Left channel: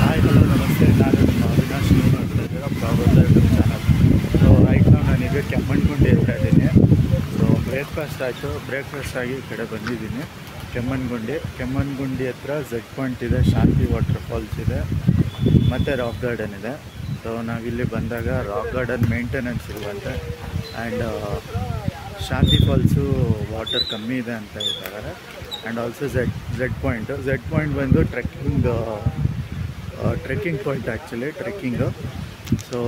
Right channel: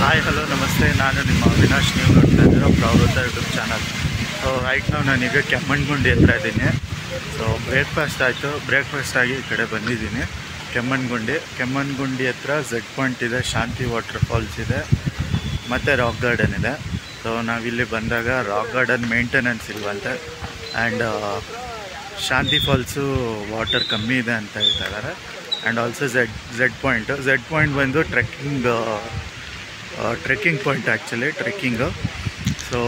Hi hello ನಮಸ್ತೆ, ನಾನು ನಿಮ್ಮ ಅವಿನಾಶ್. ನೀವು ನೋಡ್ತಾ ಇದ್ದೀರಾ ಪ್ರವೃತ್ತ ಯೂಟ್ಯೂಬ್ ಚಾನಲ್. ಸೊ ರೈಟ್ ನಾವು ನಾನೀಗ ಕೆಮ್ಮಣ್ಣಗುಂಡಿ ಹತ್ರ ಇದ್ದೀನಿ. ಸೊ ಬ್ರೇಕ್ಫಾಸ್ಟ್ ಆಗಿ ಈ ಕಡೆ ಬಂದಿದ್ದೀನಿ. ಕೆಮ್ಮಣ್ಣಗುಂಡಿ ಹತ್ರ ಝೆಡ್ ಪಾಯಿಂಟ್ ಇದೆ, ಶಾಂತಿ ವಾಟರ್ ಫಾಲ್ಸ್ ಇದೆ, ಮತ್ತು ರಾಕ್ ಗಾರ್ಡನ್ ಇದೆ. ಸೊ ನಾವಿಲ್ಲಿ ಬಂದಾಗ ರಾಕ್ ಗಾರ್ಡನ್ ಮೇಂಟೆನೆನ್ಸ್ ಇಲ್ವಂತೆ, ಆ್ಯಂಡ್ ಶಾಂತಿ ಫಾಲ್ಸು ವಾಟರ್ ಕಮ್ಮಿ ಇದೆ ಅಂತ ಹೇಳ್ತಾ ಇದ್ದಾರೆ. ಆ್ಯಂಡ್ ಆಲ್ಸೋ ಝೆಡ್ ಪಾಯಿಂಟ್ ಬಂದು trekking point, actually trekking. So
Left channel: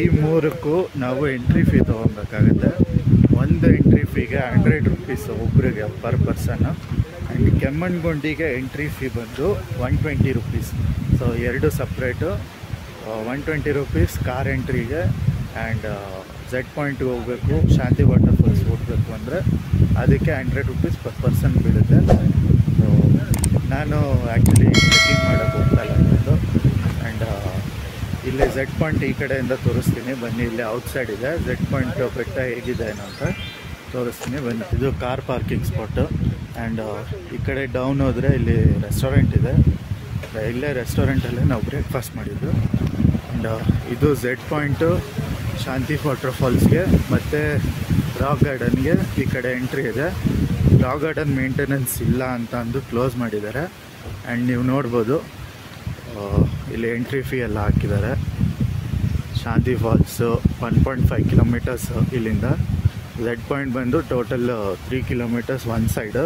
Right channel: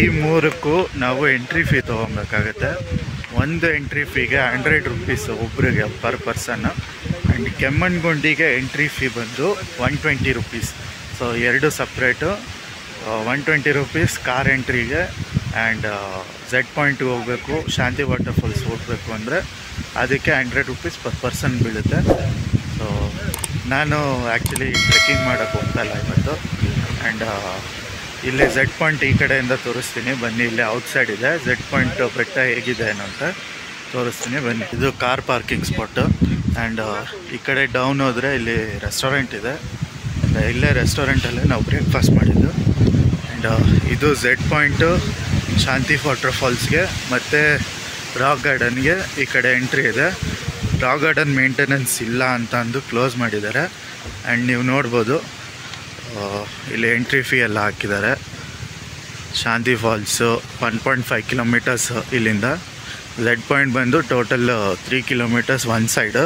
ಈ ಮೂರಕ್ಕೂ ನಾವು ಎಂಟ್ರಿ ಫೀ ತೊಗೊಬೇಕಾಗುತ್ತೆ. ಒಂದು ಎಂಟ್ರಿ ಫೀಗೆ 100 ರೂಪೀಸ್ ಒಬ್ರಿಗೆ ಪರ್ ಪರ್ಸನ್ನು. ಆ್ಯಂಡ್ ಕೆಮ್ಮಣ್ಣಗುಂಡಿಗೆ ಎಂಟ್ರಿ ಫೀ ಬಂದು 120 ರೂಪೀಸ್. ಸೊ ಎರಡು ಸಪ್ರೇಟು. 120 ರೂಪೀಸ್ ಕಾರ್ ಎಂಟ್ರಿಗೆ. ಆ್ಯಂಡ್ ಝೆಡ್ ಪಾಯಿಂಟ್ಗೆ ಹೋಗಬೇಕು, ಶಾಂತಿ ವಾಟರ್ ಫಾಲ್ಸ್ ಹೋಗಬೇಕು ಅಂದರೆ ಅದಕ್ಕೆ 100 ರೂಪೀಸ್ ಪರ್ ಪರ್ಸನ್ ಬೀಳುತ್ತೆ. ಸೊ ನಾನು ಆ್ಯಕ್ಚುಲಿ ಟ್ರೆಕ್ಕಿಂಗ್ ಮಾಡೋಕ್ಕೆ ಹೋಗ್ತಾಯಿಲ್ಲ ಇವತ್ತು. ಆ್ಯಂಡ್ ಇಲ್ಲಿ ಝೆಡ್ ಪಾಯಿಂಟ್ ಈ ಕಡೆಯಿಂದ ತೋರಿಸ್ತೀನಿ ಬನ್ನಿ. ಇಲ್ಲಿ ಔಟ್ಸೈಡ್ ಇದೆ ಝೆಡ್ ಪಾಯಿಂಟ್ ಬೆಟ್ಟ ಹೇಗಿದೆ ಏನೋ ಅಂತ ತೋರಿಸ್ತೀನಿ ಬನ್ನಿ. ಇದು ಕಾರ್ ಪಾರ್ಕಿಂಗ್ ಸ್ಪಾಟು. ಆ್ಯಂಡ್ ಈ ಕಡೆ ಡೌನ್ ಹೋದರೆ ಇಲ್ಲಿ ರೆಸ್ಟೋರೆಂಟ್ ಇದೆ. ಇಲ್ಲೇ ರೆಸ್ಟೋರೆಂಟಲ್ಲೇ ನಾವು ಬ್ರೇಕ್ಫಾಸ್ಟ್ ಮಾಡಿದ್ದು. ಆ್ಯಂಡ್ ಇದು ಝೆಡ್ ಪಾಯಿಂಟು ಶಾಂತಿ ವಾಟರ್ ಫಾಲ್ಸ್ಗೆ ಮತ್ತು ರಾಕ್ ಗಾರ್ಡನ್ಗೆ ಈ ಕಡೆ ಎಂಟ್ರಿ ಇದೆ. ರಾಕ್ ಗಾರ್ಡನ್ ಮೇಂಟೆನೆನ್ಸ್ ಇಲ್ಲ ಅಂತ ಅಂದು ಕ್ಲೋಸ್ ಮಾಡಿದ್ದಾರೆ. ಆ್ಯಂಡ್ ನೀವು ನೋಡ್ಬೋದು ಇಲ್ಲಿ ಎಂಟ್ರಿ ಫೀ ಎಲ್ಲ ಹಾಕಿದ್ದಾರೆ. ಶಾಂತಿ ಫಾಲ್ಸು 1.5 ಕಿಲೋಮೀಟರ್ಸ್ ಇಲ್ಲಿಂದ. ಝೆಡ್ ಪಾಯಿಂಟ್ ಬಂದು total 3 kilometres one side.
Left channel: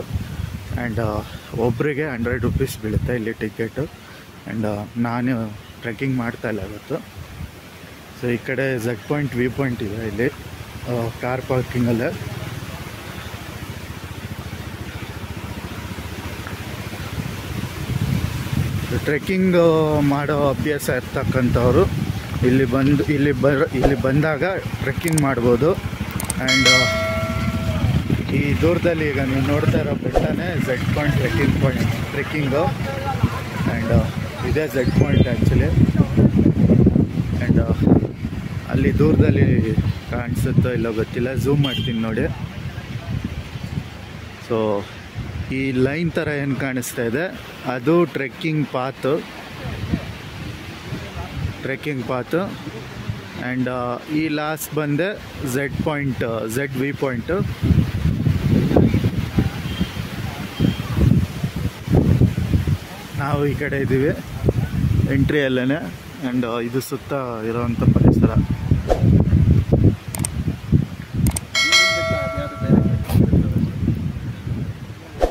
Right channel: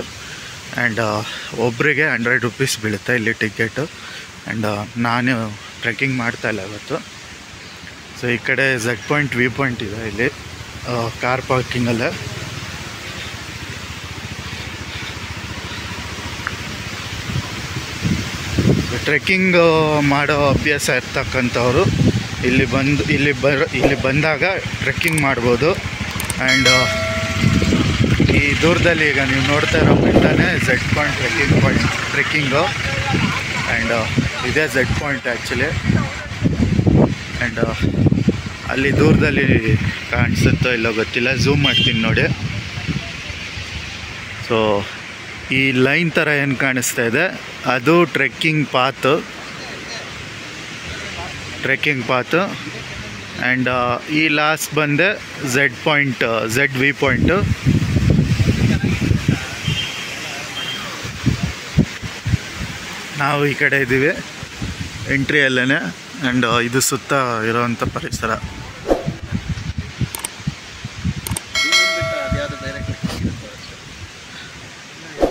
And ಒಬ್ಬರಿಗೆ 100 ರೂಪೀಸ್ ಬೀಳುತ್ತೆ ಇಲ್ಲಿ ಟಿಕೆಟು. ಆ್ಯಂಡ್ ನಾನು ಟ್ರೆಕ್ಕಿಂಗ್ ಮಾಡ್ತಾಯಿಲ್ಲ ಇವತ್ತು. ಸೊ ಈ ಕಡೆ ಝೆಡ್ ಪಾಯಿಂಟ್ ವ್ಯೂ ಪಾಯಿಂಟ್ ಇದೆ ಇಲ್ಲಿ ಕಾರ್ ಪಾರ್ಕಿಂಗಲ್ಲೇ. ಟ್ರೆಕ್ಕಿಂಗ್ ಮಾಡೋ ಅಭ್ಯಾಸ ಇರ್ತಕ್ಕಂಥವ್ರು ಇಲ್ಲಿ ಬಂದಾಗ ಟ್ರೆಕ್ಕಿಂಗ್ ಮಾಡ್ಬೋದು. ಆ್ಯಂಡ್ ಈ ದೂರದಲ್ಲಿ ಈಗ ನೀವು ನೋಡ್ತಾ ಇರೋ ಬೆಟ್ಟನೇ ಝೆಡ್ ಪಾಯಿಂಟ್ ಟ್ರೆಕ್ಕಿಂಗು. ಆ್ಯಂಡ್ ಇದೇ ಝೆಡ್ ಪಾಯಿಂಟ್ ಆ್ಯಕ್ಚುಲಿ. ಆ್ಯಂಡ್ ಅಲ್ಲಿ ದೂರದಲ್ಲಿ ಕಾಣಿಸುತ್ತೋ ಇಲ್ಲೋ ಗೊತ್ತಿಲ್ಲ, ಝೂಮ್ ಮಾಡ್ತೀನಿ ನೋಡಿ. ಸೊ ಈ ಲೈನ್ ಥರ ಏನು ಕಾಣಿಸ್ತಾ ಇದೆ ಅದು ಟ್ರೆಕ್ಕಿಂಗ್ ಪಾತು. ಆ್ಯಂಡ್ ಈ ಲಾಸ್ಟ್ ಬಂದೆ ಝೆಡ್ ವಿ ಪಾಯಿಂಟು. ನಾವು ಈ ಕಡೆ ಇದ್ದೀವಿ ಎಂಟ್ರಿಯಲ್ಲೇ. ಆ್ಯಂಡ್ ಇದು ಸುತ್ತ ಇರೋವಂಥ ಪರಿಸರ.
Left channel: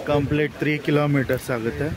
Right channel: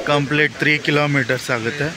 ಕಂಪ್ಲೀಟ್ 3 ಕಿಲೋಮೀಟರ್ಸ್ ಆಗುತ್ತೆ.